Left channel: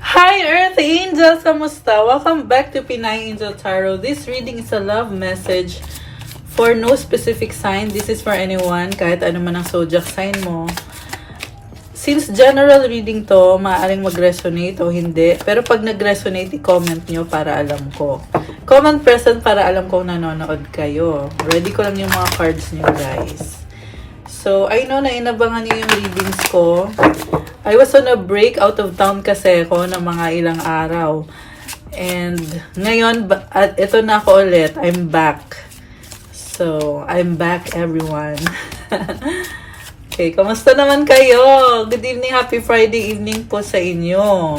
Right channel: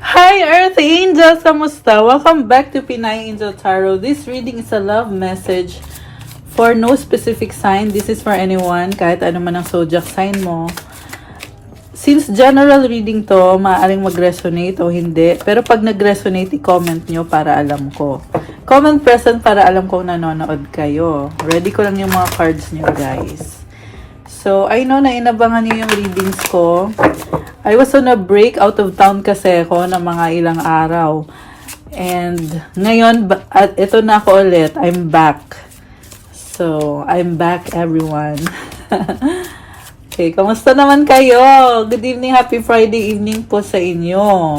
Hi Earth Angels! Kamusta? Welcome back to Pinay Angel Tarot. This reading is a love message for no specific sign. This is for anyone, kahit ano man ang zodiac sign mo. Since general reading to, maaaring mag-resonate o hindi. Pero pag nag-resonate, i-comment nyo para alam ko. Comment present para alam ko nanonood kayo. Ready ko lang yung mga cards niyo, guys. So, I know na inabangan niyo yung readings ko. I was on a break, out of town kasi ako na mga ilang araw. And ngayon, at ito na ako ulit, I'm back. So, I'm back everyone. Okay, kamusta naman kayo? Good evening, happy Friday evening po sa inyo.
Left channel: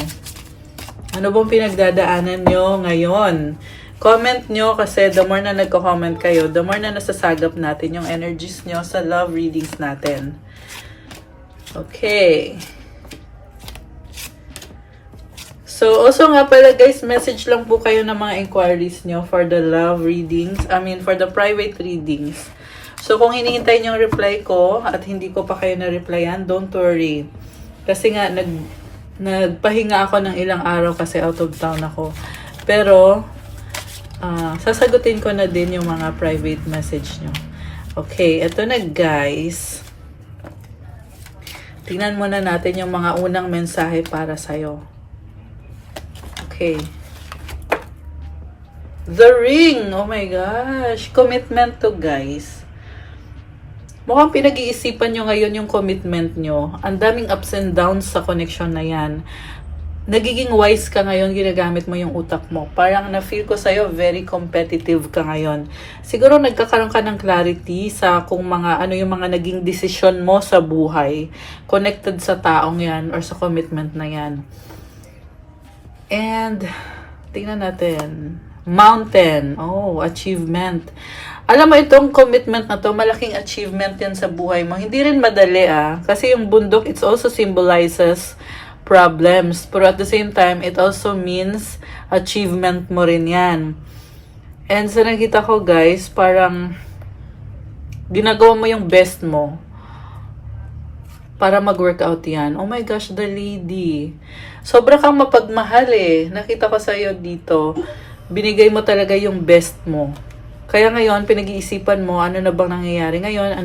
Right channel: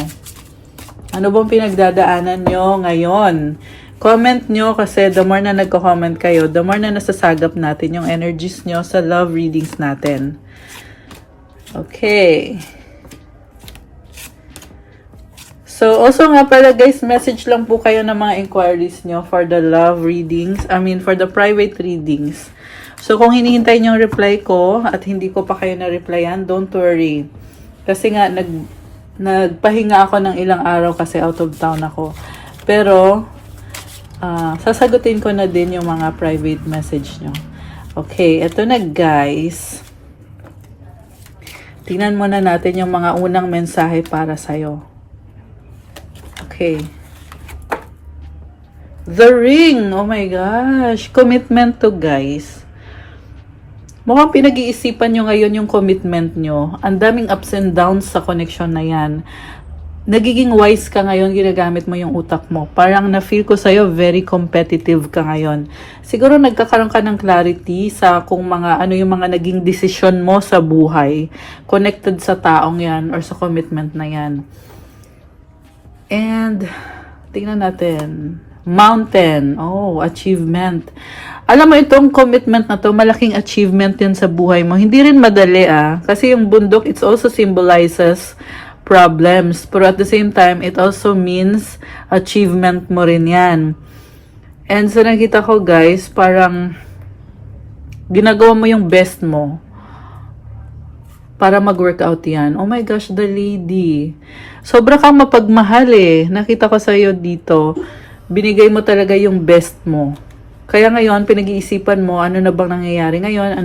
Ano bang pinagdadaanan nyo ngayon? Comment nyo kasi the more na nagko-comment kayo, the more na nasasagap natin yung energies nyo sa love readings natin. Okay. So, also nga pala guys, message lang po kayo ng mga inquiries nyo for the love readings. For the private readings. So, kung hinihintay nyo yung reply ko at hindi ko pa kayo na-replyan, don't worry. Kasi nga, nagpahinga ako ng ilang araw kasi out of town ako. Pero, sasagutin ko na din yung mga private message nyo. Okay, eto na guys. Tingnan muna natin yung mga unang mensahe para sa'yo. Okay. The ring! Oh my gosh! Commitment to guys. Mukhang pinag-iisipan nyo ngayon yung commitment nyo. Ang daming ups and downs sa connection na yan. Nagiging wise ka ngayon, ginagamit mo yung utak mo. Parang na-feel ko sa'yo, very competitive ka ngayon. Siguro nagkakaroon ka ng clarity sa kung ano yung mga naging decision mo sa buhay. Connected sa taong yan or sa commitment na yan. And, tingnan natin. Mountain. Oh, achievement. Alam mo, itong commitment na to, malaking achievement yan sa buhay mo. Hindi rin madali kasi yung bundok, it also symbolizes problems. Pero at the same time, it also means achievement mo rin yan. And sa nakita ko guys, parang ginagawa mo yung best mo para mag-workout yan. Oh my gosh, the lady. Sobra kang mapagmahal Nakita ko sa'yo dito. Binigay mo talaga yung best mo. Kaya ngayon, pinag-iisipan mo, ano na bang nangyayari ngayon?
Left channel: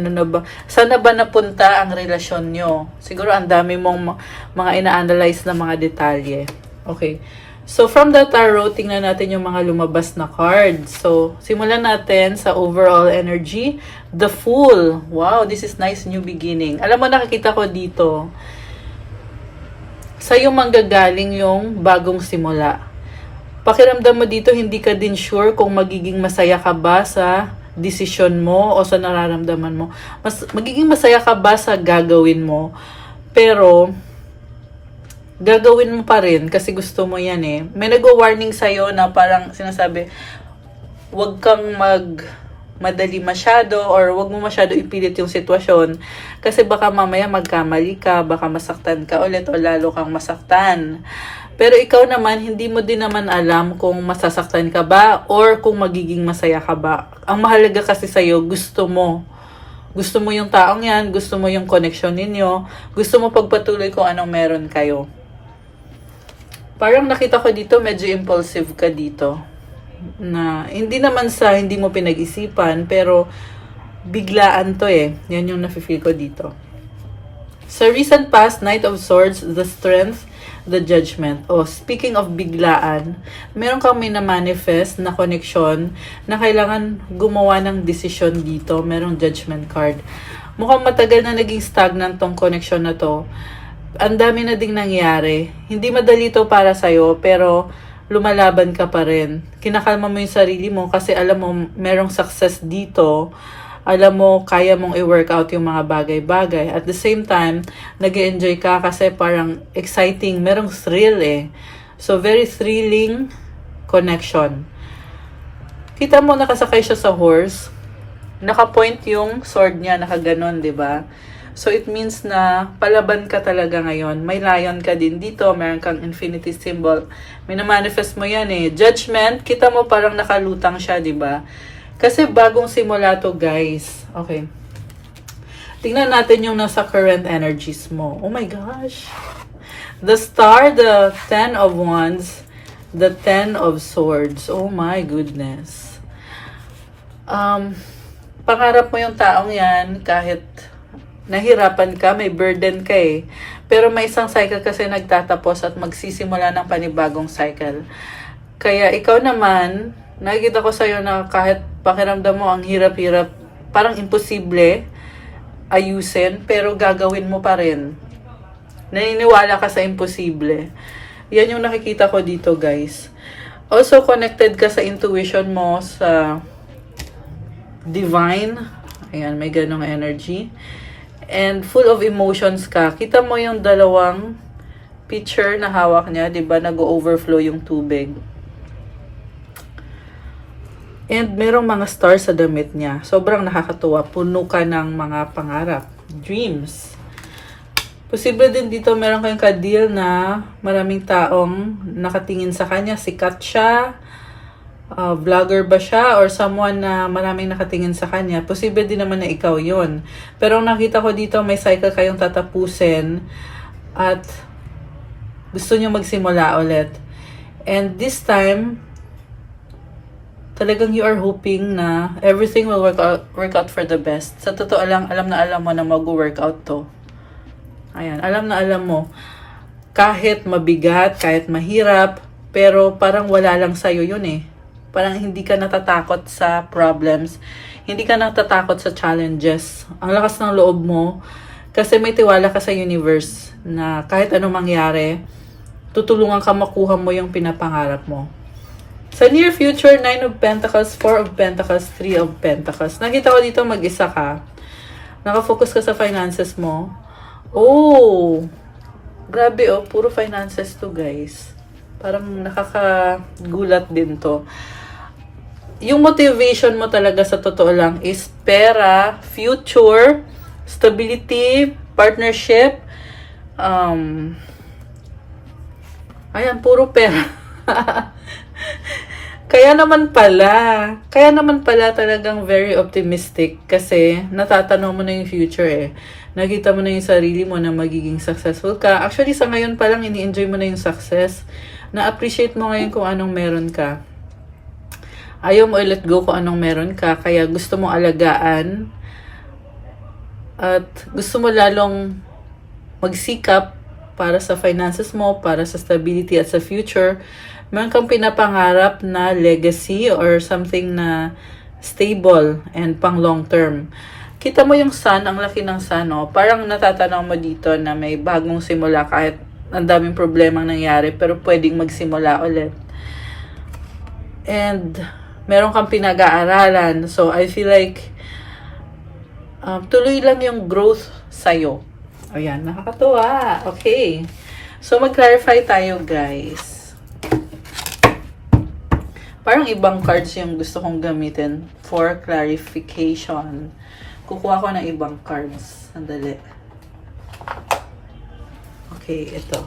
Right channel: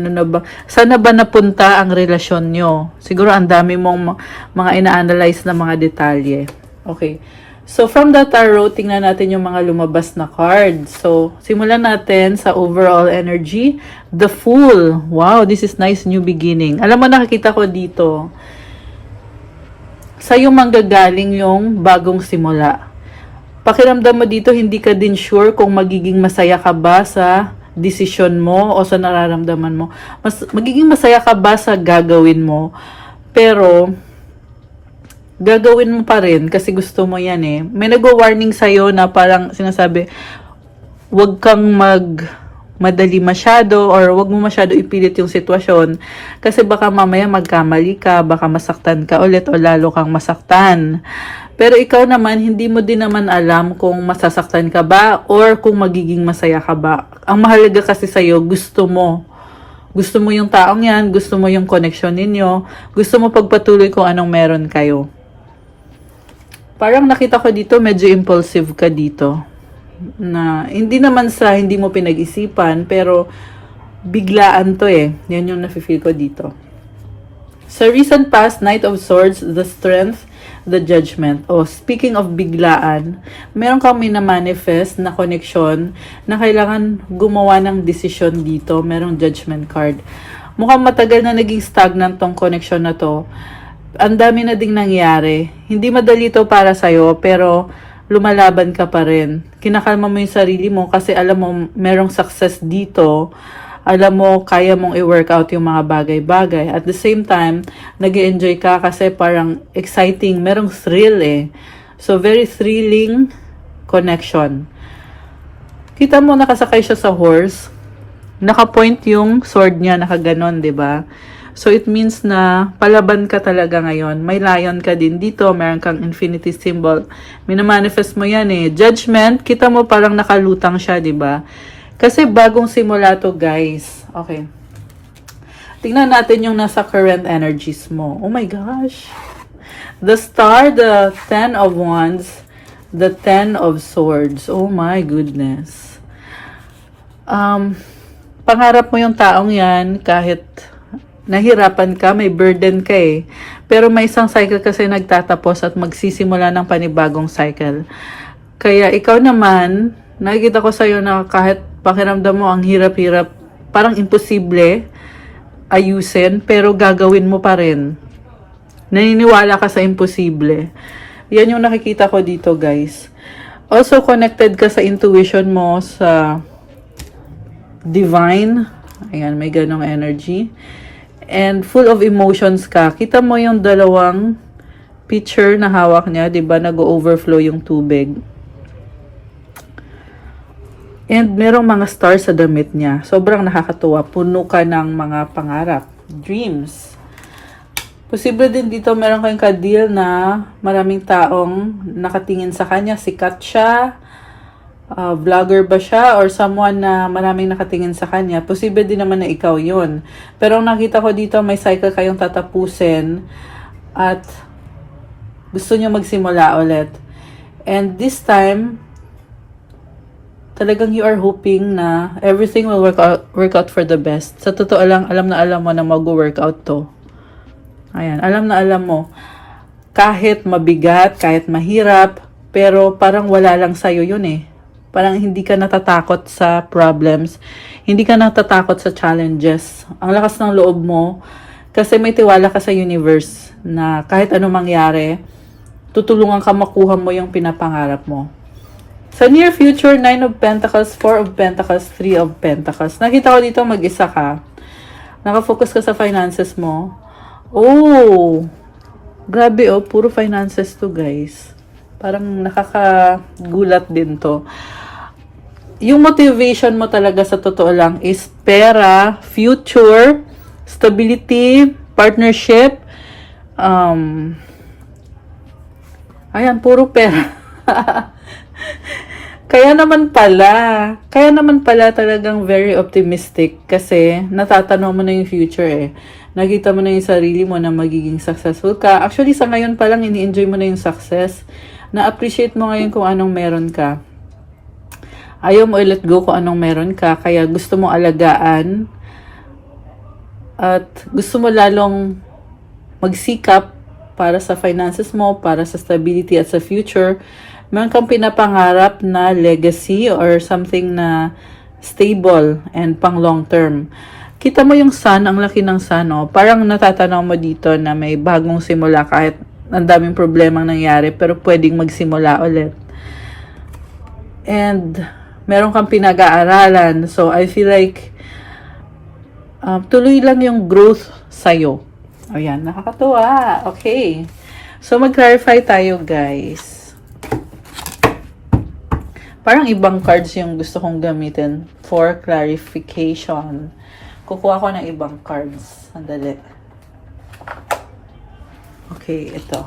Saan na ba napunta ang relasyon nyo? Siguro ang dami mong mga ina-analyze na mga detalye. Okay. So, from the tarot, tingnan natin yung mga lumabas na cards. So, simulan natin sa overall energy. The Fool. Wow, this is nice new beginning. Alam mo, nakikita ko dito, sa'yo manggagaling yung bagong simula. Pakiramdam mo dito, hindi ka din sure kung magiging masaya ka ba sa desisyon mo o sa nararamdaman mo. Magiging masaya ka ba sa gagawin mo. Pero, gagawin mo pa rin kasi gusto mo yan May nag-warning sa'yo na parang sinasabi, huwag kang madali masyado or huwag mo masyado ipilit yung sitwasyon kasi baka mamaya magkamali ka, baka masaktan ka ulit o lalo kang masaktan. Pero ikaw naman, hindi mo din naman alam kung masasaktan ka ba or kung magiging masaya ka ba. Ang mahalaga kasi sa'yo, gusto mo. Gusto mo yung taong yan, gusto mo yung connection ninyo, gusto mo pagpatuloy kung anong meron kayo. Parang nakita ko dito, medyo impulsive ka dito. Na hindi naman sa hindi mo pinag-isipan, pero biglaan to Yan yung nafe-feel ko dito. Sa recent past, Knight of Swords, the Strength, the Judgment. Speaking of biglaan, meron kang mina-manifest na connection na kailangan gumawa ng desisyon dito. Merong Judgment card. Mukhang matagal na naging stagnant tong connection na to. Ang dami na ding nangyari. Hindi madali to para sa'yo, pero lumalaban ka pa rin. Kinakalma mo yung sarili mo kasi alam mo merong success dito. Alam mo, kaya mong i-workout yung mga bagay-bagay. At the same time, nag-enjoy ka kasi parang exciting. Merong thrill So, very thrilling connection. Kita mo, nakasakay siya sa horse. Naka-point yung sword niya, nakaganon, diba? So, it means na palaban ka talaga ngayon. May lion ka din dito. Meron kang infinity symbol. Minamanifest mo yan Judgment, kita mo parang nakalutang siya, diba? Kasi bagong simula to, guys. Okay. Tingnan natin yung nasa current energies mo. Oh my gosh. The Star, the Ten of Wands, the Ten of Swords. Oh my goodness. Pangarap mo yung taong yan kahit nahirapan ka, may burden ka eh. Pero may isang cycle kasi nagtatapos at magsisimula ng panibagong cycle. Kaya ikaw naman, nakikita ko sa'yo na kahit pakiramdam mo ang hirap-hirap, parang imposible ayusin, pero gagawin mo pa rin. Naniniwala ka sa imposible. Yan yung nakikita ko dito, guys. Also, connected ka sa intuition mo, sa divine. Ayan, may ganong energy. And full of emotions ka. Kita mo yung dalawang pitcher na hawak niya, di ba? Nag-overflow yung tubig. And merong mga stars sa damit niya. Sobrang nakakatuwa. Puno ka ng mga pangarap. Dreams. Posible din dito meron kang ka-deal na maraming taong nakatingin sa kanya. Sikat siya. Vlogger ba siya? Or someone na maraming nakatingin sa kanya. Posible din naman na ikaw yun. Pero ang nakita ko dito, may cycle kayong tatapusin. At gusto nyo magsimula ulit. And this time, talagang you are hoping na everything will work out for the best. Sa totoo lang, alam na alam mo na mag-work out to. Ayan, alam na alam mo. Kahit mabigat, kahit mahirap, pero parang wala lang sa'yo yun eh. Parang hindi ka natatakot sa problems. Hindi ka natatakot sa challenges. Ang lakas ng loob mo, kasi may tiwala ka sa universe na kahit anong mangyari, tutulungan ka makuha mo yung pinapangarap mo. Sa near future, 9 of Pentacles, 4 of Pentacles, 3 of Pentacles. Nakita ko dito mag-isa ka. Nakafocus ka sa finances mo. Oh! Grabe oh, puro finances to guys. Parang nakakagulat din to. Yung motivation mo talaga sa totoo lang is pera, future, stability, partnership. Ayan, puro pera. Kaya naman pala talagang very optimistic kasi natatanong mo na yung future eh. Nakita mo na yung sarili mo na magiging successful ka. Actually, sa ngayon pa lang, ini-enjoy mo na yung success. Na-appreciate mo ngayon kung anong meron ka. Ayaw mo i-let go kung anong meron ka. Kaya gusto mo alagaan. At gusto mo lalong magsikap para sa finances mo, para sa stability at sa future. Meron kang pinapangarap na legacy or something na stable and pang long term. Kita mo yung sun, ang laki ng sun, oh. Parang natatanaw mo dito na may bagong simula kahit ang daming problemang nangyari pero pwedeng magsimula ulit. And meron kang pinag-aaralan. So I feel like tuloy lang yung growth sa'yo. Ayan, nakakatuwa. Okay. So mag-clarify tayo, guys. Parang ibang cards yung gusto kong gamitin for clarification. Kukuha ko ng ibang cards. Sandali. Okay, ito.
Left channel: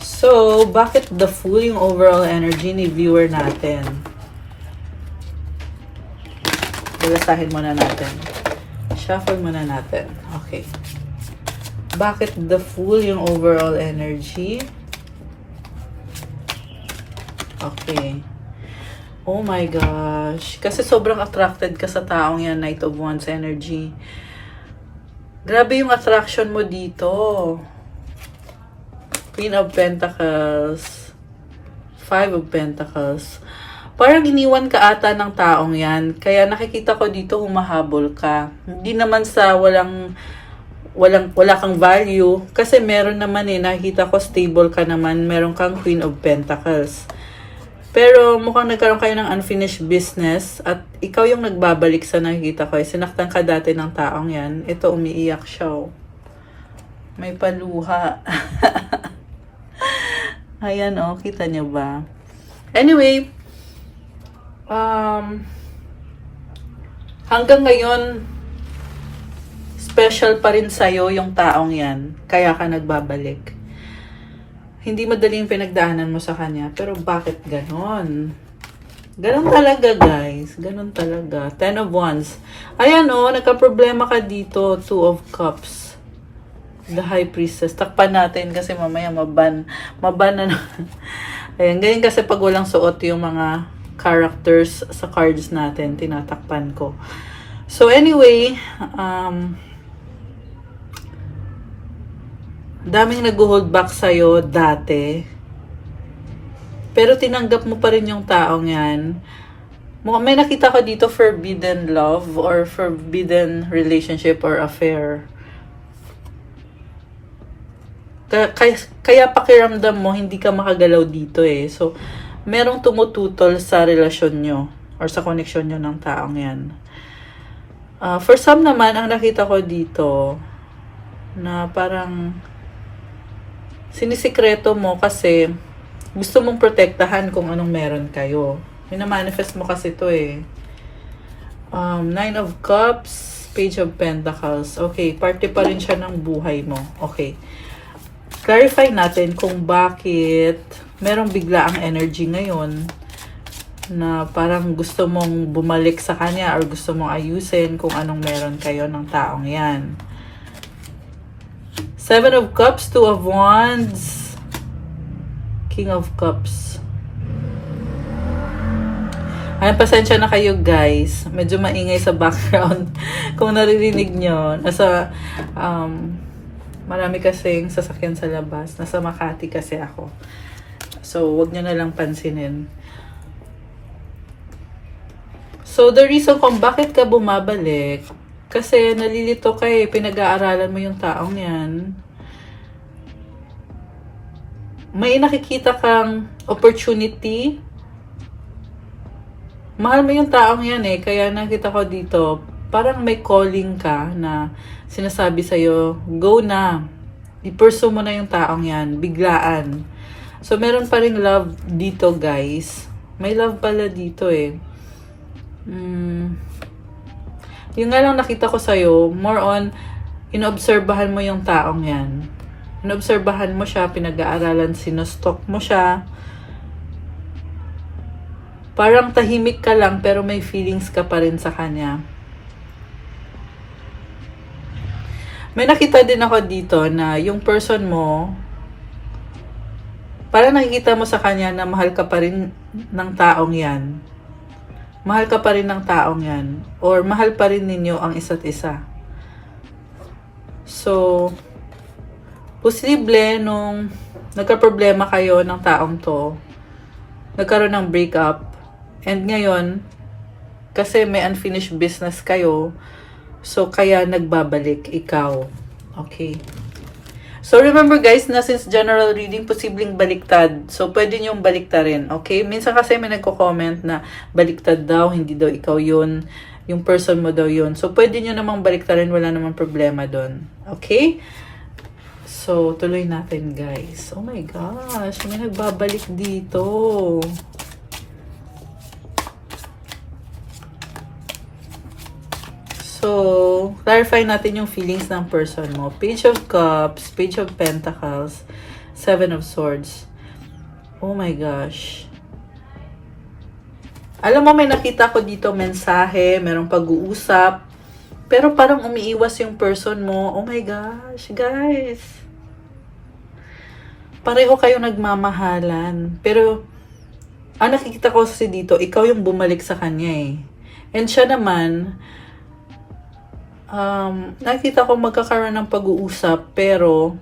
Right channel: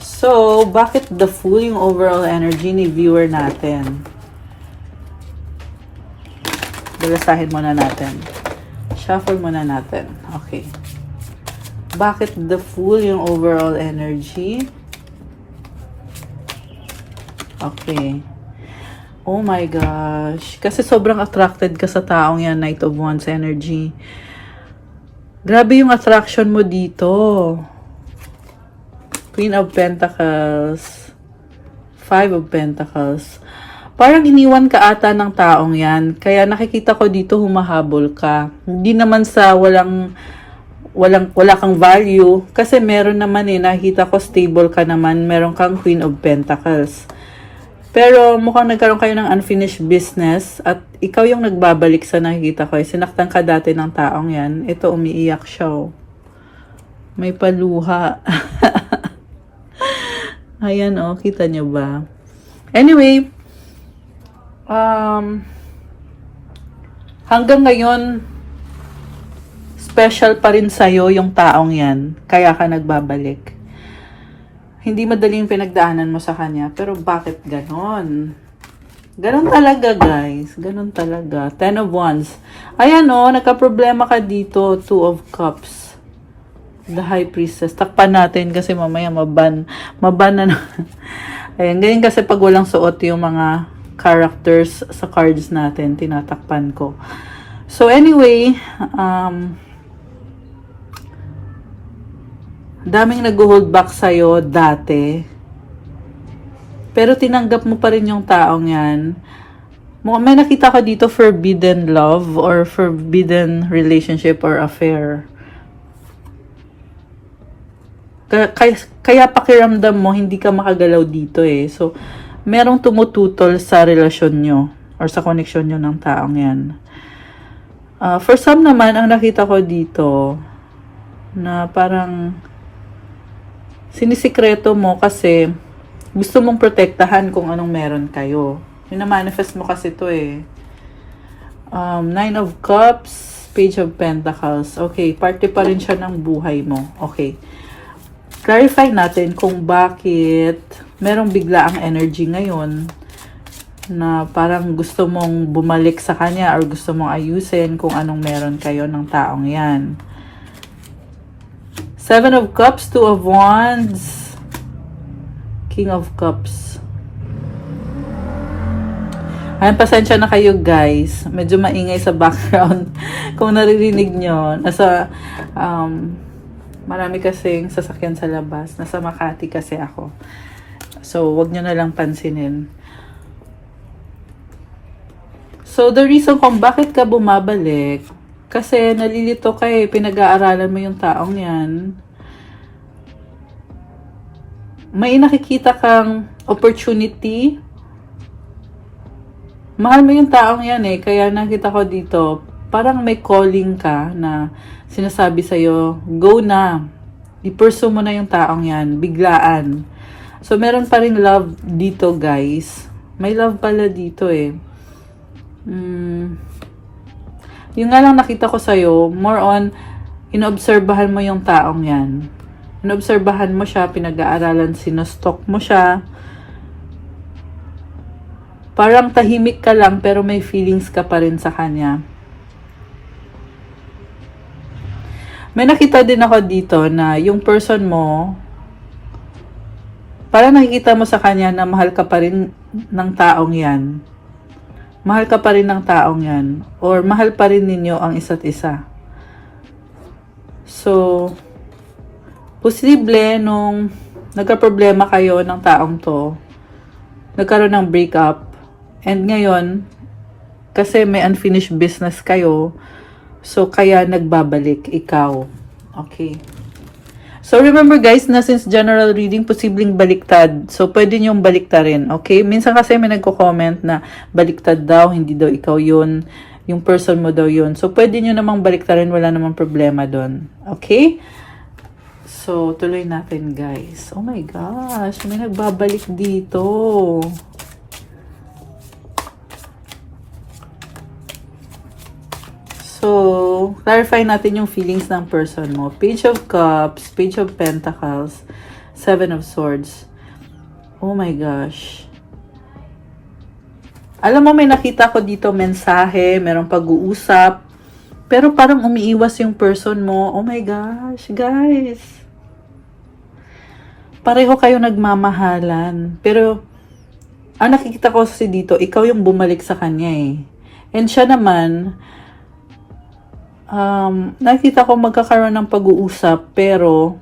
So, bakit the Fool yung overall energy ni viewer natin? Basahin muna natin. Shuffle muna natin. Okay. Bakit the Fool yung overall energy? Okay. Oh my gosh. Kasi sobrang attracted ka sa taong yan, Knight of Wands energy. Grabe yung attraction mo dito. Queen of Pentacles. 5 of Pentacles. Parang iniwan ka ata ng taong yan. Kaya nakikita ko dito humahabol ka. Hindi naman sa wala kang value. Kasi meron naman nakita ko stable ka naman. Meron kang Queen of Pentacles. Pero mukhang nagkaroon kayo ng unfinished business at ikaw yung nagbabalik sa nakikita ko. Sinaktan ka dati ng taong yan. Ito, umiiyak siya. Oh. May paluha. Ayan, oh. Kita nyo ba? Anyway, hanggang ngayon, special pa rin sa'yo yung taong yan. Kaya ka nagbabalik. Hindi madaling pinagdaanan mo sa kanya. Pero bakit ganon? Ganon talaga, guys. Ganon talaga. 10 of Wands. Ayan o, nagka-problema ka dito. 2 of Cups. The High Priestess. Takpan natin kasi mamaya maban na naman. Ayan, ganyan kasi pag walang suot yung mga characters sa cards natin, tinatakpan ko. So anyway, daming nag-hold back sa'yo dati. Pero tinanggap mo pa rin yung taong yan. May nakita ko dito forbidden love or forbidden relationship or affair. Kaya pakiramdam mo, hindi ka makagalaw dito eh. So, merong tumututol sa relasyon nyo or sa connection nyo ng taong yan. For some naman, ang nakita ko dito, na parang sinisikreto mo kasi gusto mong protektahan kung anong meron kayo. Minamanifest mo kasi to eh. Nine of Cups, Page of Pentacles. Okay, party pa rin siya ng buhay mo. Okay. Clarify natin kung bakit merong bigla ang energy ngayon na parang gusto mong bumalik sa kanya or gusto mong ayusin kung anong meron kayo ng taong yan. Seven of Cups, Two of Wands, King of Cups. Ayan, pasensya na kayo guys. Medyo maingay sa background. Kung naririnig nyo, nasa marami kasing sasakyan sa labas. Nasa Makati kasi ako. So, wag nyo na lang pansinin. So, the reason kung bakit ka bumabalik, kasi nalilito ka eh, pinag-aaralan mo yung taong yan. May nakikita kang opportunity. Mahal mo yung taong yan eh, kaya nakita ko dito, parang may calling ka na sinasabi sa'yo, go na. I-pursue mo na yung taong yan, biglaan. So, meron pa ring love dito, guys. May love pala dito eh. Yung nga lang nakita ko sa'yo, more on, inoobserbahan mo yung taong yan. Inoobserbahan mo siya, pinag-aaralan, sinostalk mo siya. Parang tahimik ka lang, pero may feelings ka pa rin sa kanya. May nakita din ako dito na yung person mo, parang nakikita mo sa kanya na mahal ka pa rin ng taong yan. Mahal ka pa rin ng taong yan. Or mahal pa rin ninyo ang isa't isa. So, posible nung nagka-problema kayo ng taong to, nagkaroon ng breakup, and ngayon, kasi may unfinished business kayo, so kaya nagbabalik ikaw. Okay. So remember guys, na since general reading, posibleng baliktad. So pwede niyong baliktarin. Okay? Minsan kasi may nagko-comment na baliktad daw, hindi daw ikaw yun. Yung person mo daw yun. So pwede niyo namang baliktarin, wala namang problema doon. Okay? So tuloy natin guys. Oh my gosh, may nagbabalik dito. So, clarify natin yung feelings ng person mo. Page of Cups, Page of Pentacles, Seven of Swords. Oh my gosh. Alam mo, may nakita ko dito mensahe, merong pag-uusap, pero parang umiiwas yung person mo. Oh my gosh, guys. Pareho kayo nagmamahalan. Pero, nakikita ko kasi dito, ikaw yung bumalik sa kanya eh. And siya naman, nakita ko magkakaroon ng pag-uusap pero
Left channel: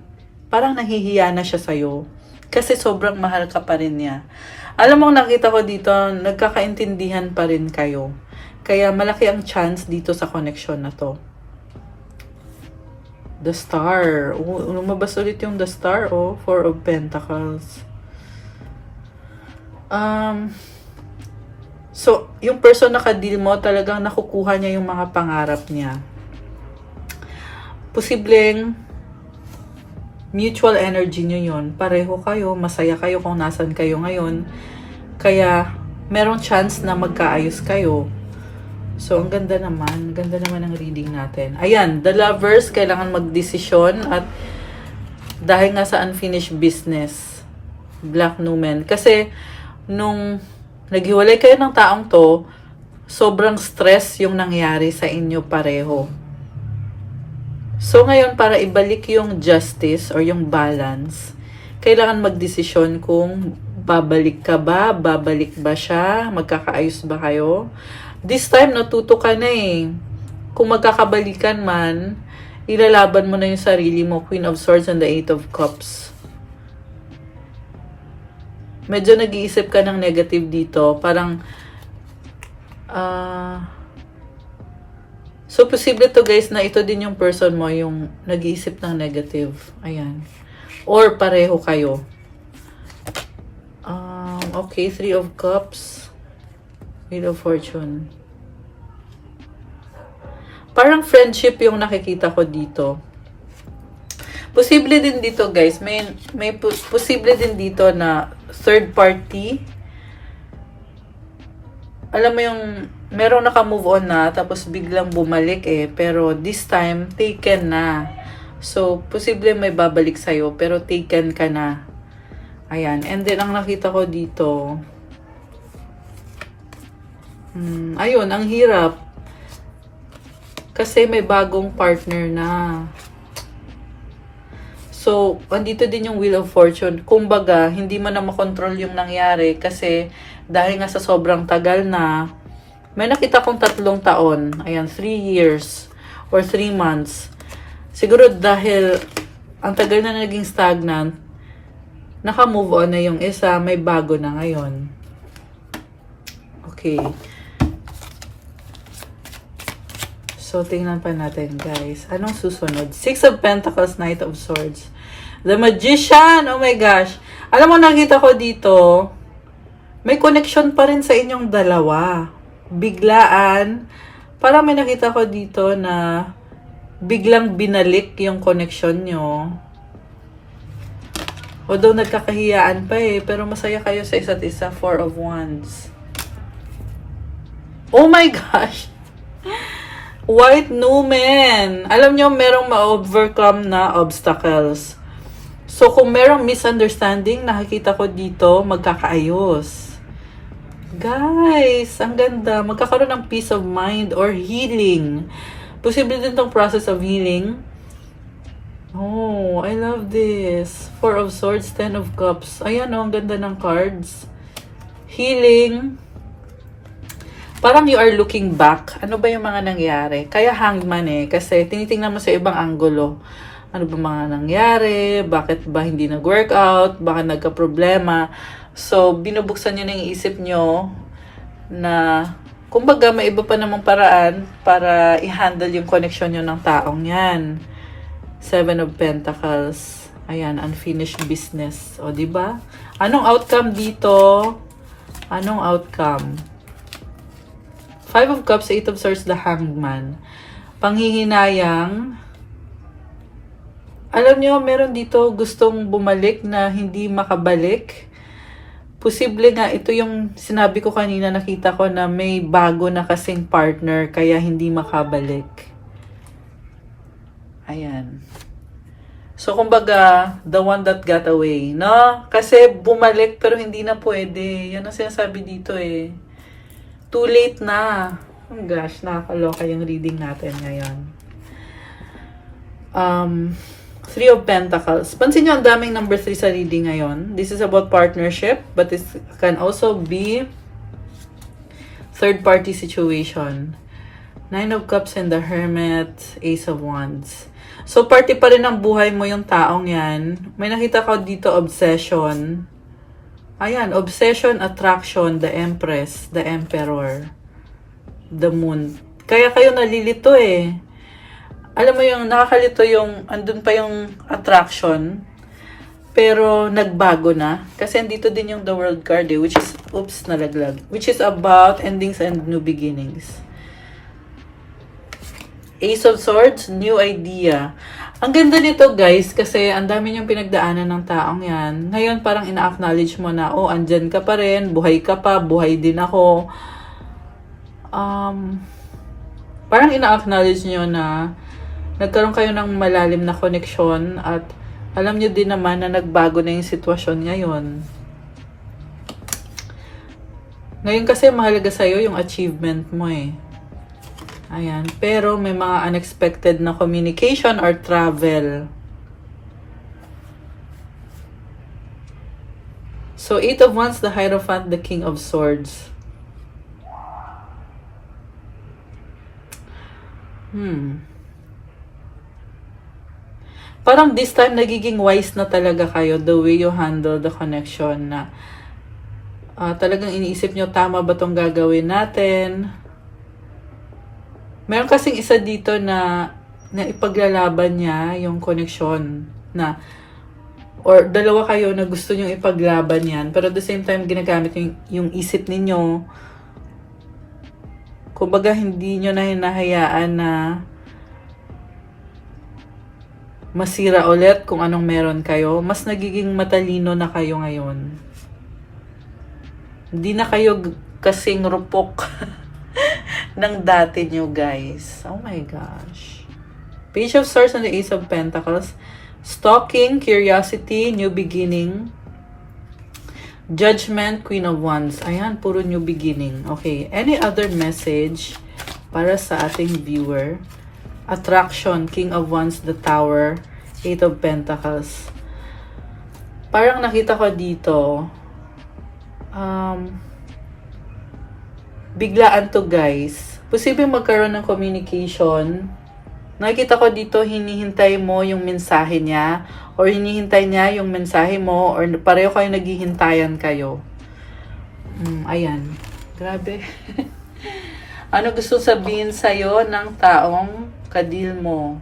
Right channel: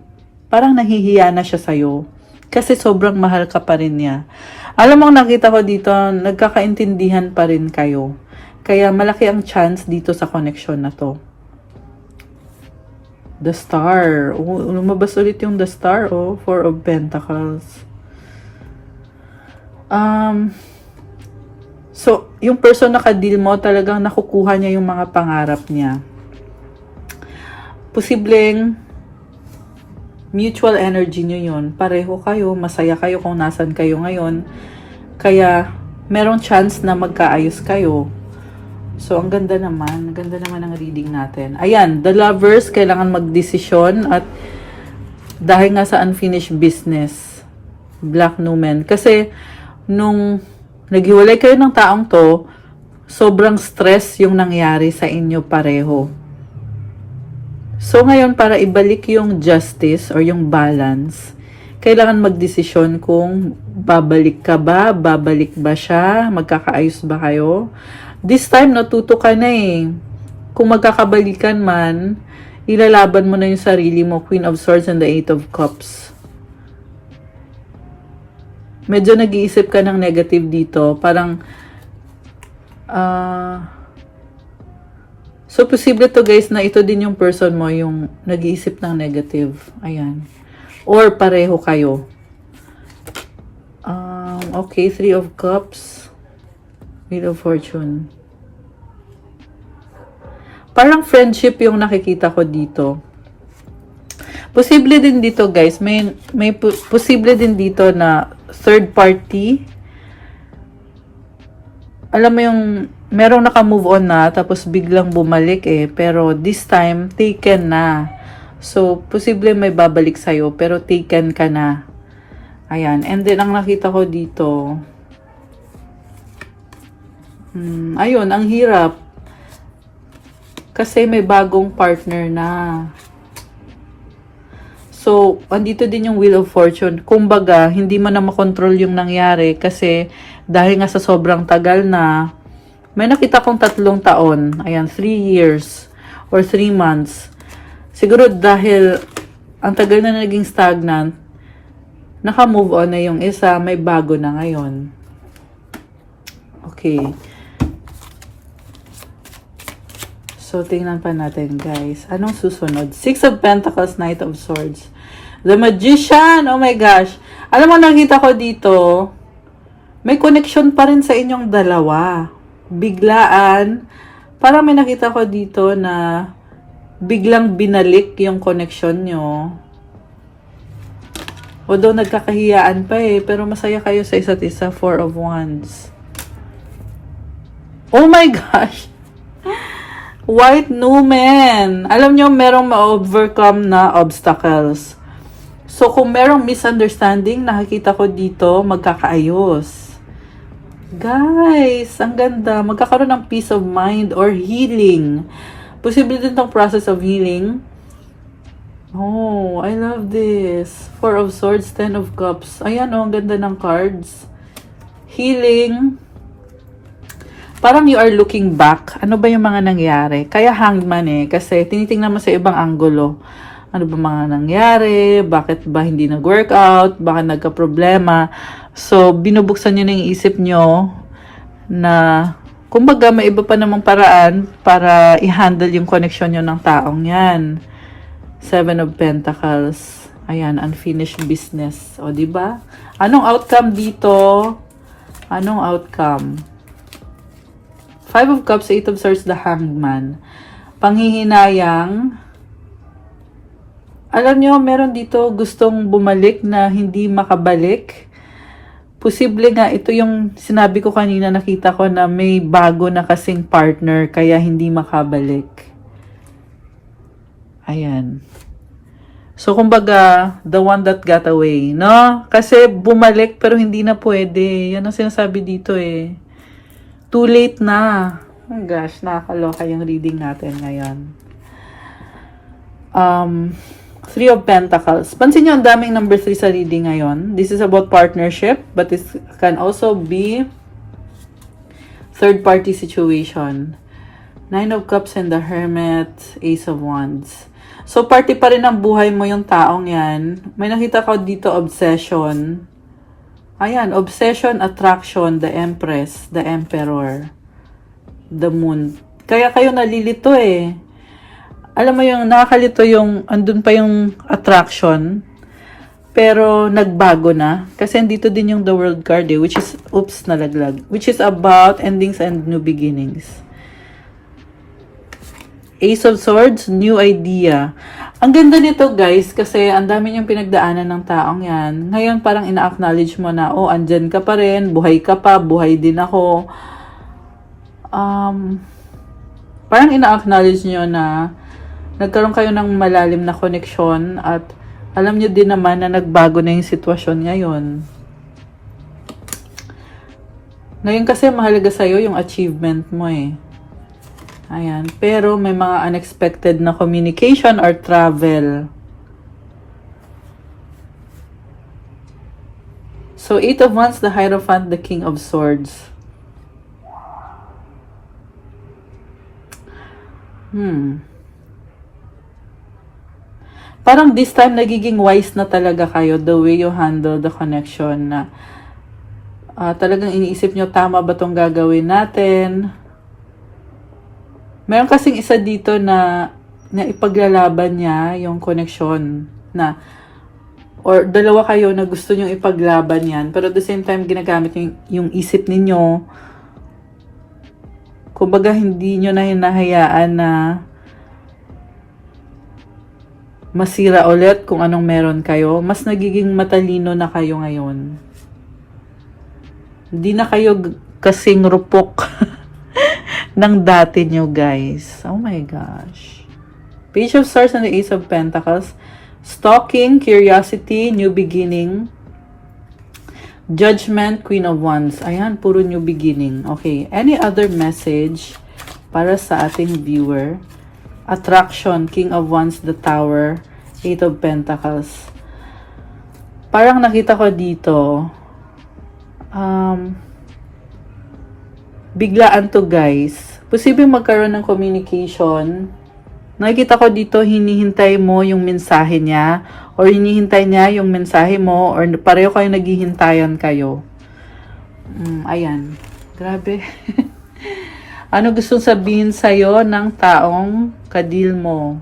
parang nahihiya na siya sa'yo kasi sobrang mahal ka pa rin niya. Alam mo, nakita ko dito, nagkakaintindihan pa rin kayo. Kaya malaki ang chance dito sa connection na to. The Star. Lumabas ulit yung The Star, oh. Four of Pentacles. So, yung person na ka-deal mo, talagang nakukuha niya yung mga pangarap niya. Posibleng mutual energy nyo yun. Pareho kayo, masaya kayo kung nasan kayo ngayon. Kaya, merong chance na magkaayos kayo. So, ang ganda naman. Ang ganda naman ang reading natin. Ayan, the lovers, kailangan magdesisyon at dahil nga sa unfinished business, Black Numen. Kasi, nung naghiwalay kayo ng taong to, sobrang stress yung nangyari sa inyo pareho. So ngayon, para ibalik yung justice or yung balance, kailangan magdesisyon kung babalik ka ba, babalik ba siya, magkakaayos ba kayo. This time, natuto ka na eh. Kung magkakabalikan man, ilalaban mo na yung sarili mo, Queen of Swords and the Eight of Cups. Medyo nag-iisip ka ng negative dito. Parang, so, posible to guys na ito din yung person mo, yung nag-iisip ng negative. Ayan. Or pareho kayo. Okay, Three of Cups. Wheel of Fortune. Parang friendship yung nakikita ko dito. Posible din dito guys, may posible din dito na third party. Alam mo yung merong naka-move on na tapos biglang bumalik eh, pero this time taken na. So posible may babalik sa'yo pero taken ka na. Ayan, and then ang nakita ko dito, ayun, ang hirap. Kasi may bagong partner na. So, andito din yung Wheel of Fortune. Kumbaga, hindi mo na makontrol yung nangyari kasi dahil nga sa sobrang tagal na, may nakita kong 3 taon. Ayan, 3 years or 3 months. Siguro dahil ang tagal na naging stagnant, naka-move on na yung isa, may bago na ngayon. Okay. So, tingnan pa natin, guys. Anong susunod? Six of Pentacles, Knight of Swords. The Magician! Oh my gosh! Alam mo, nakita ko dito, may connection pa rin sa inyong dalawa. Biglaan. Parang may nakita ko dito na biglang binalik yung connection nyo. Although nagkakahiyaan pa eh, pero masaya kayo sa isa't isa. Four of Wands. Oh my gosh! White Numen. Alam nyo, merong ma-overcome na obstacles. So, kung merong misunderstanding, nakikita ko dito, magkakaayos. Guys, ang ganda. Magkakaroon ng peace of mind or healing. Posible din itong process of healing. Oh, I love this. Four of Swords, Ten of Cups. Ayan oh, ang ganda ng cards. Healing. Parang you are looking back. Ano ba yung mga nangyari? Kaya hangman eh. Kasi tinitingnan mo sa ibang anggulo. Ano ba mga nangyari? Bakit ba hindi nag-workout? Bakit nagka-problema? So, binubuksan nyo na yung isip nyo na kumbaga may iba pa namang paraan para i-handle yung connection nyo ng taong yan. Seven of Pentacles. Ayan, unfinished business. O, diba? Anong outcome dito? Anong outcome? Five of Cups, Eight of Swords, the Hangman. Panghihinayang. Alam nyo, meron dito gustong bumalik na hindi makabalik. Posible nga, ito yung sinabi ko kanina, nakita ko na may bago na kasing partner, kaya hindi makabalik. Ayan. So, kumbaga, the one that got away, no? Kasi bumalik pero hindi na pwede. Yan ang sinasabi dito eh. Too late na. Oh gosh, nakakaloka yung reading natin ngayon. Three of Pentacles. Pansin nyo, ang daming number 3 sa reading ngayon. This is about partnership, but it can also be third-party situation. Nine of Cups and the Hermit, Ace of Wands. So, party pa rin ng buhay mo yung taong yan. May nakita ko dito, obsession. Ayan, obsession, attraction, the Empress, the Emperor, the Moon. Kaya kayo nalilito eh. Alam mo yung nakakalito yung, andun pa yung attraction, pero nagbago na. Kasi andito din yung the World card eh, which is, oops, nalaglag. Which is about endings and new beginnings. Ace of Swords, new idea. Ang ganda nito guys, kasi ang dami niyang pinagdaanan ng taong yan. Ngayon parang ina-acknowledge mo na, oh, andyan ka pa rin, buhay ka pa, buhay din ako. Parang ina-acknowledge niyo na nagkaroon kayo ng malalim na connection at alam niyo din naman na nagbago na yung sitwasyon ngayon. Ngayon kasi mahalaga sa'yo yung achievement mo eh. Ayan. Pero may mga unexpected na communication or travel. So, 8 of Wands, the Hierophant, the King of Swords. Parang this time, nagiging wise na talaga kayo the way you handle the connection na talagang iniisip nyo, tama ba itong gagawin natin? Meron kasing isa dito na ipaglalaban niya yung connection na or dalawa kayo na gusto nyo ipaglaban yan, pero at the same time, ginagamit yung isip ninyo. Kumbaga, hindi nyo na hinahayaan na masira ulit kung anong meron kayo. Mas nagiging matalino na kayo ngayon. Hindi na kayo kasing rupok ng dati nyo, guys. Oh my gosh. Page of Swords and the Ace of Pentacles. Stalking, curiosity, new beginning. Judgment, Queen of Wands. Ayan, puro new beginning. Okay, any other message para sa ating viewer? Attraction, King of Wands, the Tower, Eight of Pentacles. Parang nakita ko dito, biglaan to, guys. Posibleng magkaroon ng communication. Nakikita ko dito, hinihintay mo yung mensahe niya or hinihintay niya yung mensahe mo or pareho kayo naghihintayan kayo. Ayan. Grabe. Ano gustong sabihin sa'yo ng taong kadil mo?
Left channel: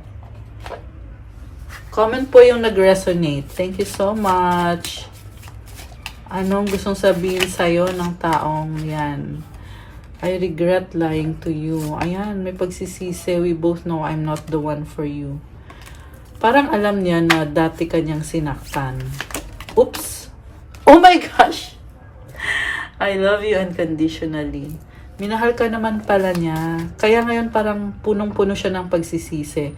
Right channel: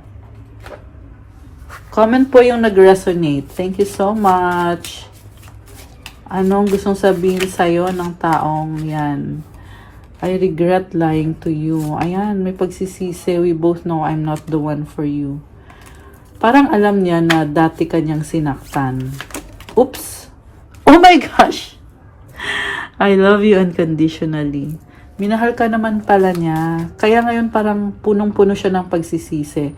Comment po yung nag-resonate. Thank you so much. Anong gustong sabihin sa'yo ng taong yan? I regret lying to you. Ayan, may pagsisisi. We both know I'm not the one for you. Parang alam niya na dati kanyang sinaktan. Oops! Oh my gosh! I love you unconditionally. Minahal ka naman pala niya. Kaya ngayon parang punong-puno siya ng pagsisisi.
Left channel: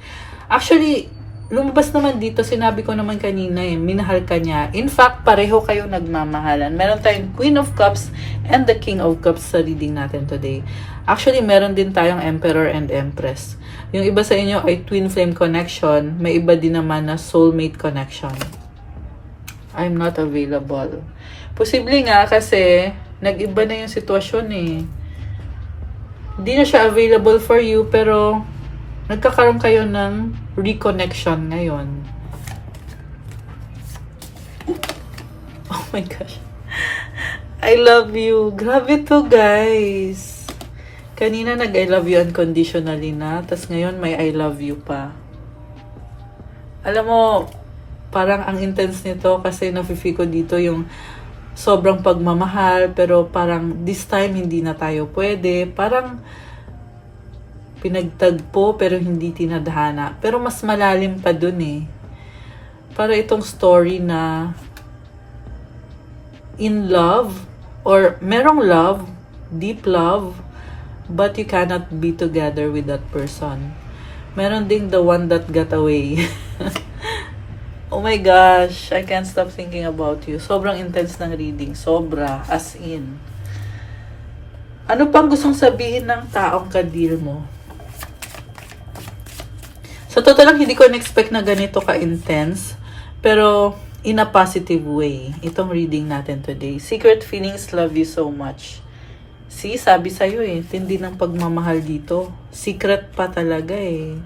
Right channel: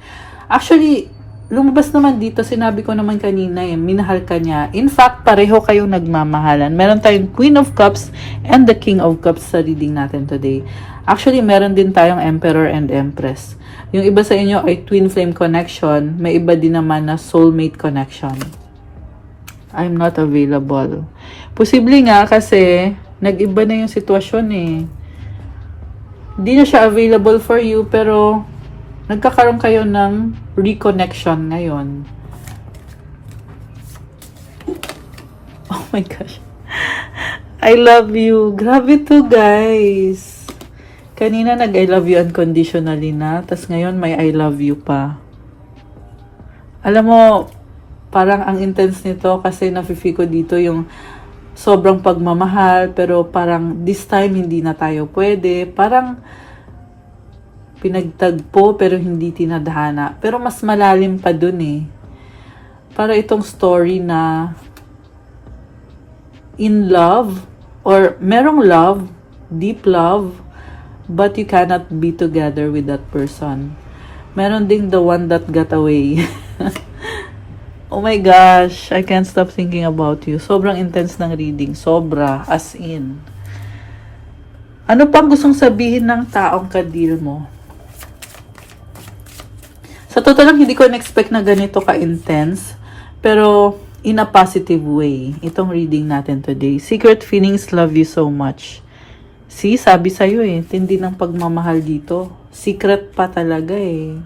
Actually, lumabas naman dito, sinabi ko naman kanina minahal ka niya. In fact, pareho kayong nagmamahalan. Meron tayong Queen of Cups and the King of Cups sa reading natin today. Actually, meron din tayong Emperor and Empress. Yung iba sa inyo ay Twin Flame connection. May iba din naman na soulmate connection. I'm not available. Posible nga kasi nag-iba na yung sitwasyon eh. Hindi na siya available for you pero nagkakaroon kayo ng reconnection ngayon. Oh my gosh. I love you. Grabe to, guys. Kanina nag-I love you unconditionally na. Tapos ngayon may I love you pa. Alam mo, parang ang intense nito kasi nafe-feel ko dito yung sobrang pagmamahal. Pero parang this time hindi na tayo pwede. Parang pinagtagpo pero hindi tinadhana. Pero mas malalim pa dun eh. Para itong story na in love or merong love, deep love, but you cannot be together with that person. Meron ding the one that got away. Oh my gosh, I can't stop thinking about you. Sobrang intense ng reading. Sobra, as in. Ano pang gustong sabihin ng taong kadil mo? Sa totoo lang, hindi ko na-expect na ganito ka-intense. Pero, in a positive way. Itong reading natin today. Secret feelings, love you so much. See, sabi sa'yo eh. Tindi ng pagmamahal dito. Secret pa talaga eh.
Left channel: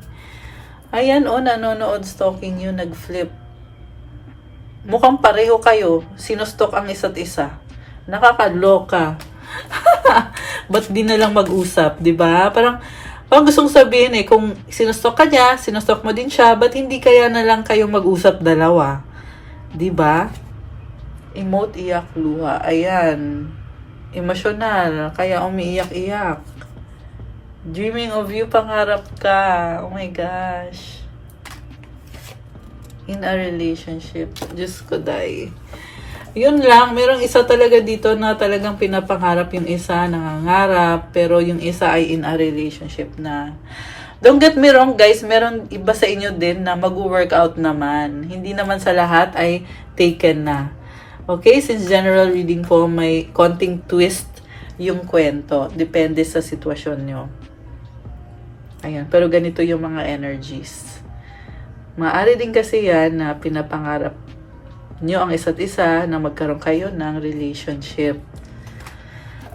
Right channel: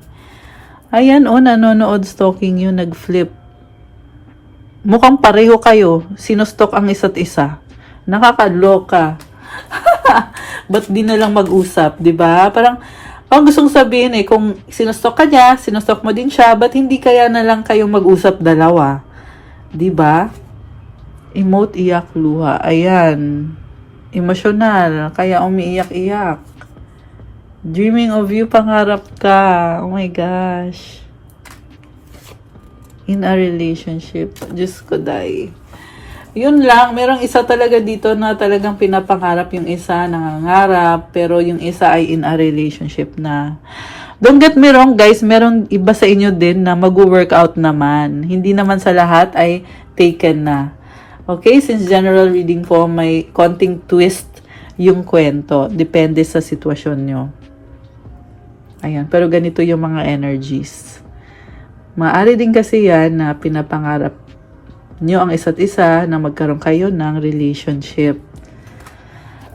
Ayan, nanonood stalking you, nag-flip. Mukhang pareho kayo. Sinustok ang isa't isa. Nakakaloka. Ba't di na lang mag-usap, diba? Parang, ang gustong sabihin eh, kung sinustok ka niya, sinustok mo din siya, ba't hindi kaya na lang kayo mag-usap dalawa? Diba? Emote, iyak, luha. Ayan. Emosyonal. Kaya umiiyak-iyak. Dreaming of you, pangarap ka. Oh my gosh. In a relationship. Diyos ko, day. Yun lang, merong isa talaga dito na talagang pinapangarap yung isa, nangangarap, pero yung isa ay in a relationship na. Don't get me wrong, guys, meron iba sa inyo din na mag-workout naman. Hindi naman sa lahat ay taken na. Okay, since general reading po, may konting twist yung kwento. Depende sa sitwasyon nyo. Ayan, pero ganito yung mga energies. Maaari din kasi yan na pinapangarap nyo ang isa't isa na magkaroon kayo ng relationship.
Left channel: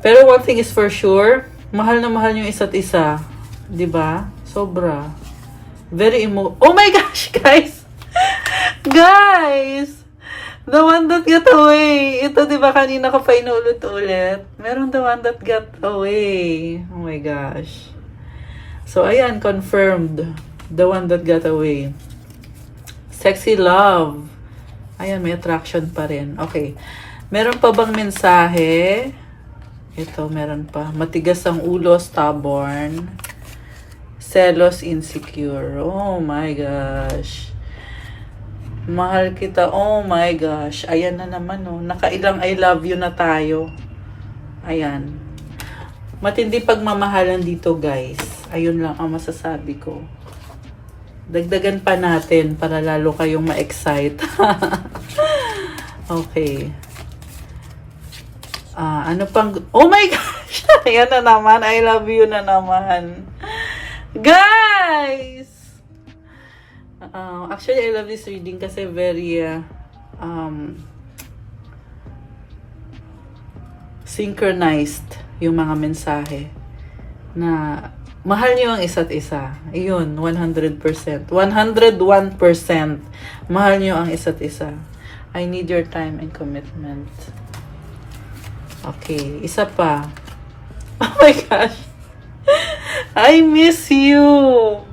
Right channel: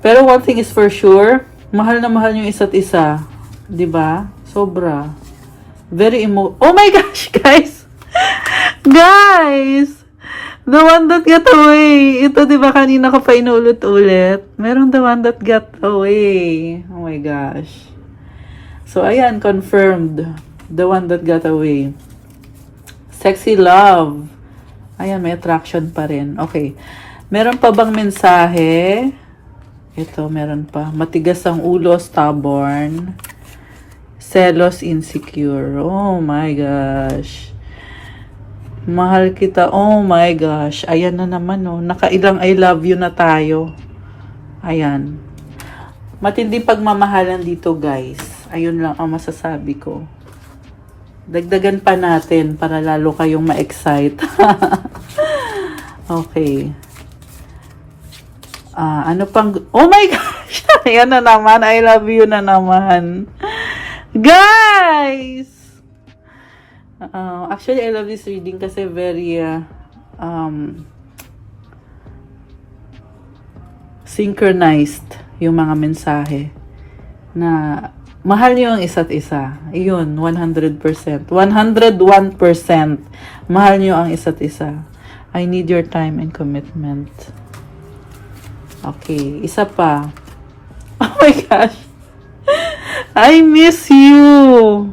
Pero one thing is for sure, mahal na mahal yung isa't isa. 'Di ba? Sobra. Oh my gosh, guys! Guys! The one that got away. Ito, 'di ba, kanina ko pa inulit-ulit. Meron the one that got away. Oh my gosh. So, ayan, confirmed. The one that got away. Sexy love. Ayan, may attraction pa rin. Okay. Meron pa bang mensahe? Ito, meron pa. Matigas ang ulo, stubborn. Selos, insecure. Oh my gosh. Mahal kita. Oh my gosh. Ayan na naman, oh. Nakailang I love you na tayo. Ayan. Matindi pagmamahalan dito, guys. Ayun lang ang masasabi ko. Dagdagan pa natin para lalo kayong ma-excite. Okay. Ano pang... Oh my gosh! Ayan na naman. I love you na naman. Guys! Actually, I love this reading kasi very synchronized yung mga mensahe na mahal niyo ang isa't isa. Iyon, 100%. 101% mahal niyo ang isa't isa. I need your time and commitment. Okay, isa pa. Oh my gosh. I miss you.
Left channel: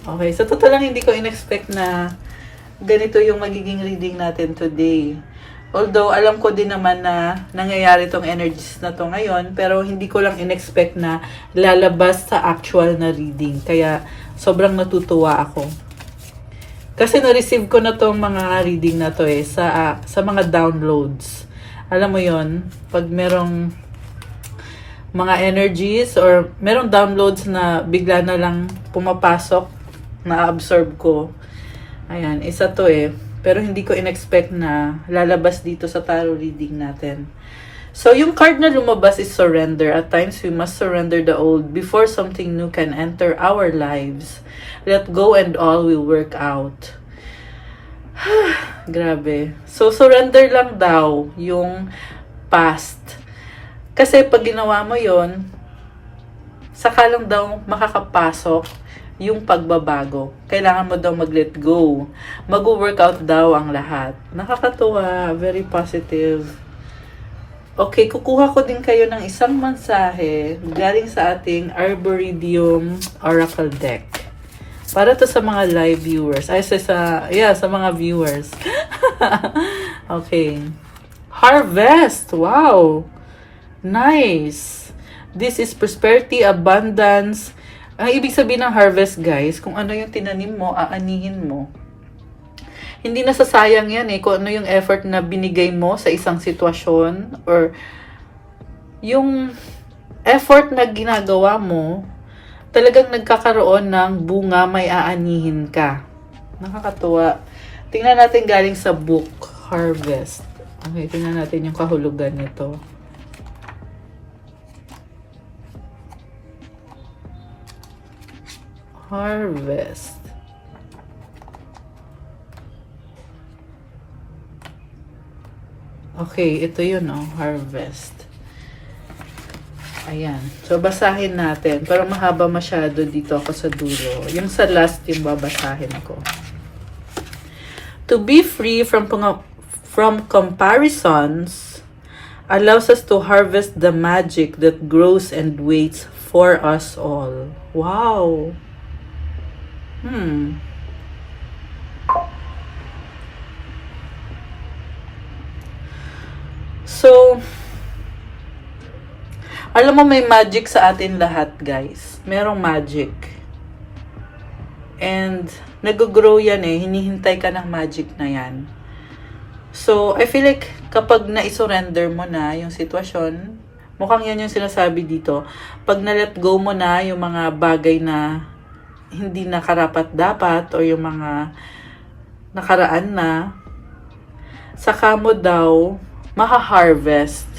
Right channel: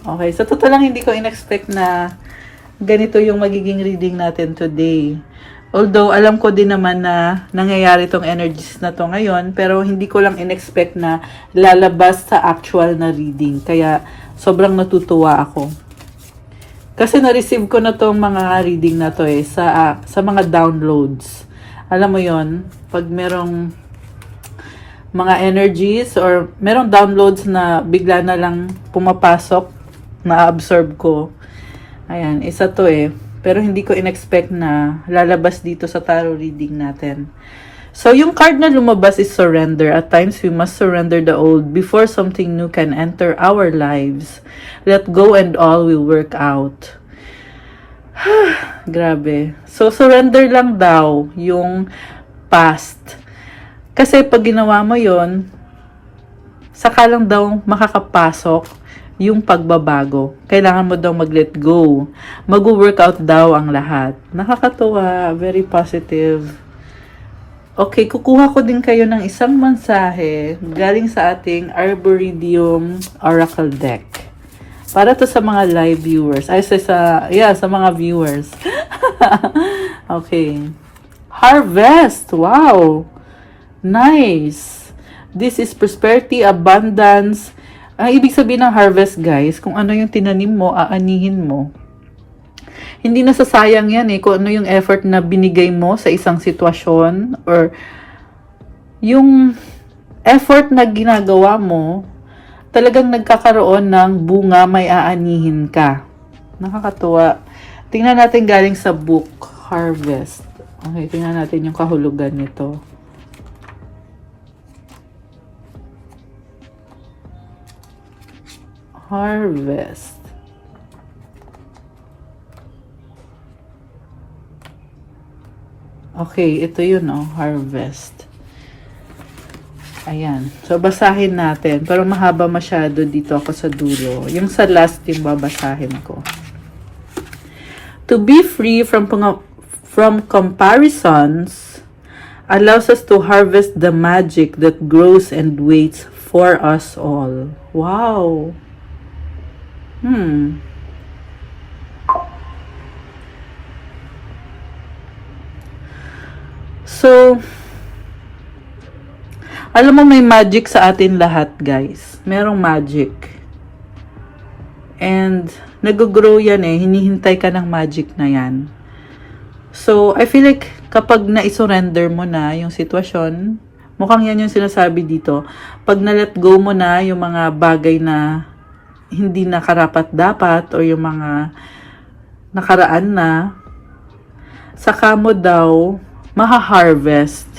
Okay, so totoo lang hindi ko in-expect na ganito yung magiging reading natin today. Although, alam ko din naman na nangyayari tong energies na to ngayon, pero hindi ko lang in-expect na lalabas sa actual na reading. Kaya, sobrang natutuwa ako. Kasi na-receive ko na tong mga reading na to sa mga downloads. Alam mo yon, pag merong mga energies or merong downloads na bigla na lang pumapasok, na-absorb ko. Ayan, isa to pero hindi ko in-expect na lalabas dito sa tarot reading natin. So, yung card na lumabas is surrender. At times, we must surrender the old before something new can enter our lives. Let go and all will work out. Grabe. So, surrender lang daw yung past. Kasi pag ginawa mo yon, saka lang daw makakapasok yung pagbabago. Kailangan mo daw mag-let go. Mag-workout daw ang lahat. Nakakatuwa. Very positive. Okay, kukuha ko din kayo ng isang mensahe galing sa ating Arboretum Oracle Deck. Para to sa mga live viewers. Ay, sa mga viewers. Okay. Harvest. Wow. Nice. This is prosperity, abundance. Ang ibig sabihin ng harvest, guys, kung ano yung tinanim mo, aanihin mo. Hindi nasasayang yan kung ano yung effort na binigay mo sa isang sitwasyon or yung effort na ginagawa mo, talagang nagkakaroon ng bunga, may aanihin ka. Nakakatuwa. Tingnan natin galing sa book, Harvest. Okay, tingnan natin yung kahulugan nito. Harvest. Okay, ito yun, harvest. Ayan. So, basahin natin. Pero mahaba masyado dito ako sa dulo. Yung sa last, yung babasahin ko. To be free from comparisons allows us to harvest the magic that grows and waits for us all. Wow! So, alam mo may magic sa atin lahat, guys. Merong magic. And, nag-grow yan hinihintay ka ng magic na yan. So, I feel like kapag na-surrender mo na yung sitwasyon, mukhang yan yung sinasabi dito. Pag na-let go mo na yung mga bagay na hindi na karapat-dapat o yung mga nakaraan na, saka mo daw maha-harvest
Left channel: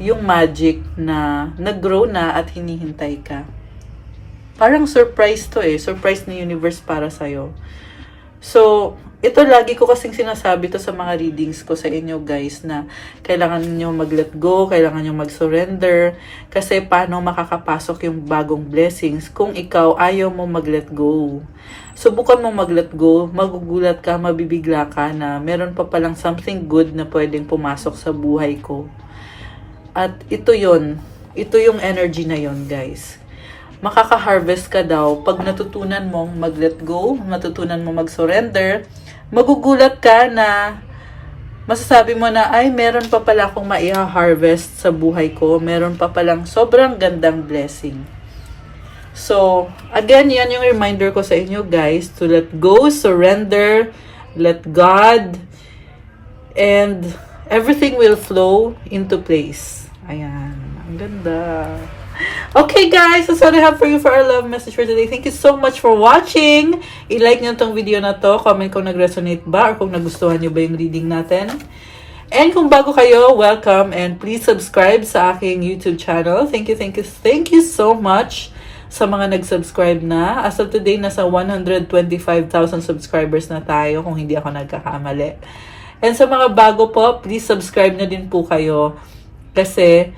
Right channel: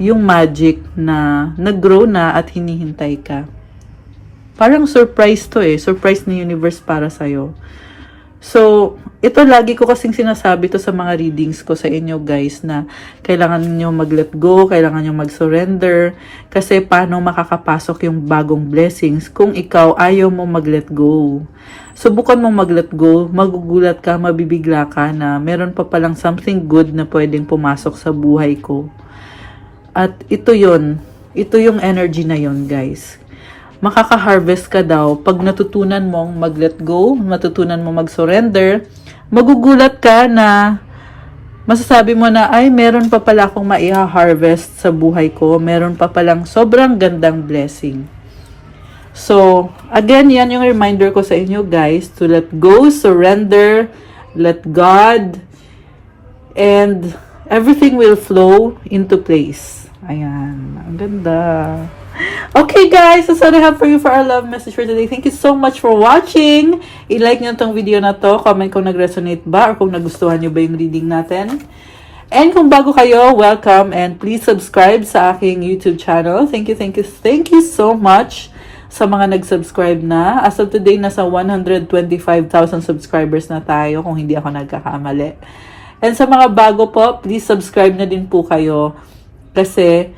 yung magic na nag-grow na at hinihintay ka. Parang surprise to eh. Surprise ni universe para sa'yo. So, ito lagi ko kasing sinasabi to sa mga readings ko sa inyo guys na kailangan nyo mag-let go, kailangan nyo mag-surrender kasi paano makakapasok yung bagong blessings kung ikaw ayaw mo mag-let go. Subukan mo mag-let go, magugulat ka, mabibigla ka na meron pa palang something good na pwedeng pumasok sa buhay ko. At ito yung energy na yon guys. Makaka-harvest ka daw pag natutunan mong mag-let go, natutunan mong mag-surrender, magugulat ka na masasabi mo na, ay, meron pa pala akong maiha-harvest sa buhay ko, meron pa palang sobrang gandang blessing. So, again, yan yung reminder ko sa inyo guys, to let go, surrender, let God, and everything will flow into place. Ayan, ang ganda. Okay guys, so sorry have for you for our love message for today. Thank you so much for watching. I-like nyo itong video na to. Comment kung nag-resonate ba or kung nagustuhan nyo ba yung reading natin. And kung bago kayo, welcome and please subscribe sa aking YouTube channel. Thank you so much sa mga nag-subscribe na. As of today, nasa 125,000 subscribers na tayo kung hindi ako nagkakamali. And sa mga bago po, please subscribe na din po kayo kasi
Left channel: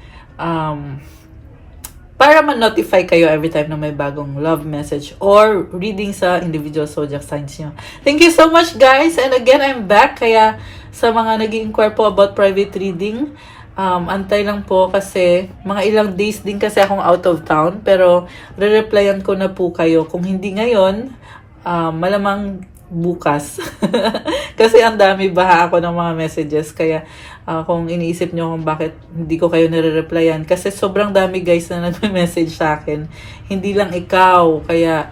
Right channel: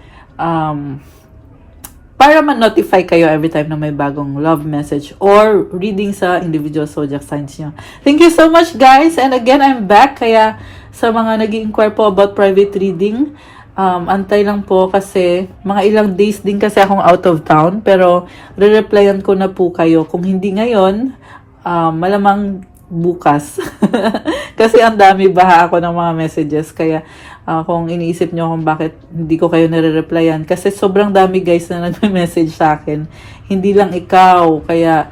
para ma-notify kayo every time na may bagong love message or reading sa individual zodiac signs nyo. Thank you so much guys! And again, I'm back. Kaya sa mga nag-i-inquire po about private reading, antay lang po kasi mga ilang days din kasi akong out of town. Pero re-replyan ko na po kayo. Kung hindi ngayon, malamang bukas. Kasi ang dami baha ako ng mga messages. Kaya kung iniisip nyo kung bakit hindi ko kayo nare-replyan. Kasi sobrang dami guys na nag-message sa akin. Hindi lang ikaw. Kaya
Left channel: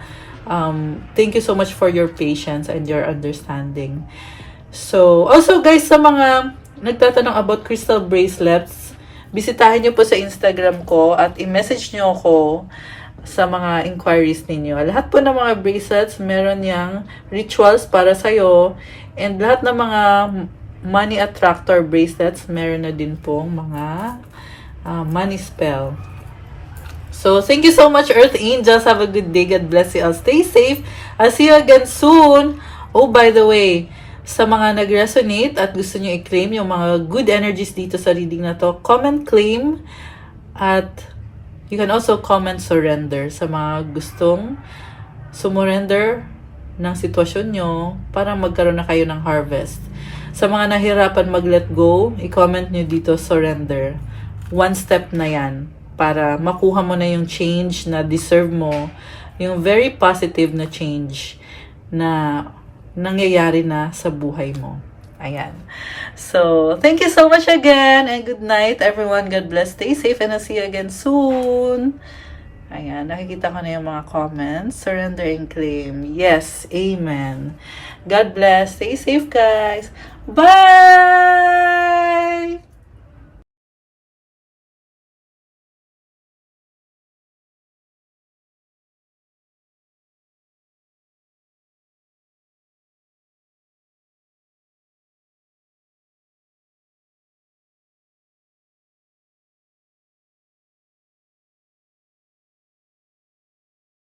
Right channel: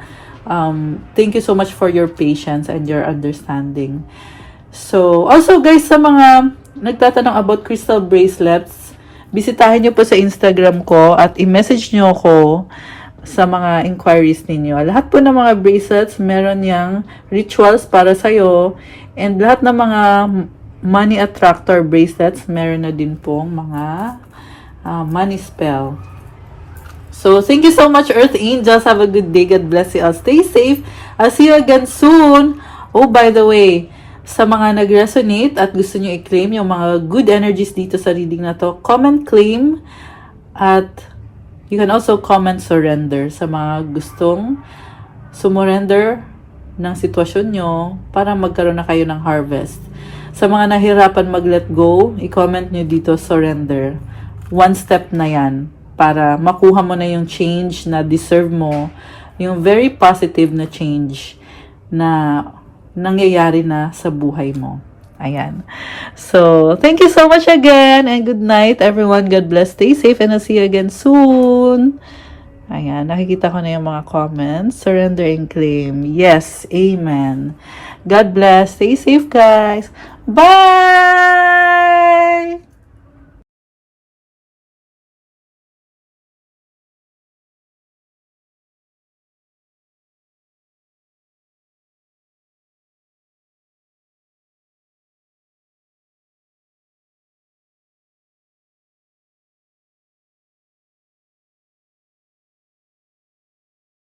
thank you so much for your patience and your understanding. So, also guys, sa mga nagtatanong about crystal bracelets, bisitahin nyo po sa Instagram ko at i-message nyo ako sa mga inquiries ninyo. Lahat po ng mga bracelets, meron yang rituals para sa'yo. And lahat ng mga money attractor bracelets, meron na din pong mga money spell. So, thank you so much, Earth Angels. Have a good day. God bless you all. Stay safe. I'll see you again soon. Oh, by the way, sa mga nag-resonate at gusto nyo i-claim yung mga good energies dito sa reading na to, comment claim at you can also comment surrender sa mga gustong sumurrender ng sitwasyon nyo para magkaroon na kayo ng harvest. Sa mga nahirapan mag-let go, i-comment nyo dito surrender. One step na yan para makuha mo na yung change na deserve mo, yung very positive na change na nangyayari na sa buhay mo. Ayan. So, thank you so much again and good night everyone. God bless. Stay safe and I'll see you again soon. Ayan, nakikita ko na yung mga comments. Surrender and claim. Yes, amen. God bless. Stay safe guys. Bye!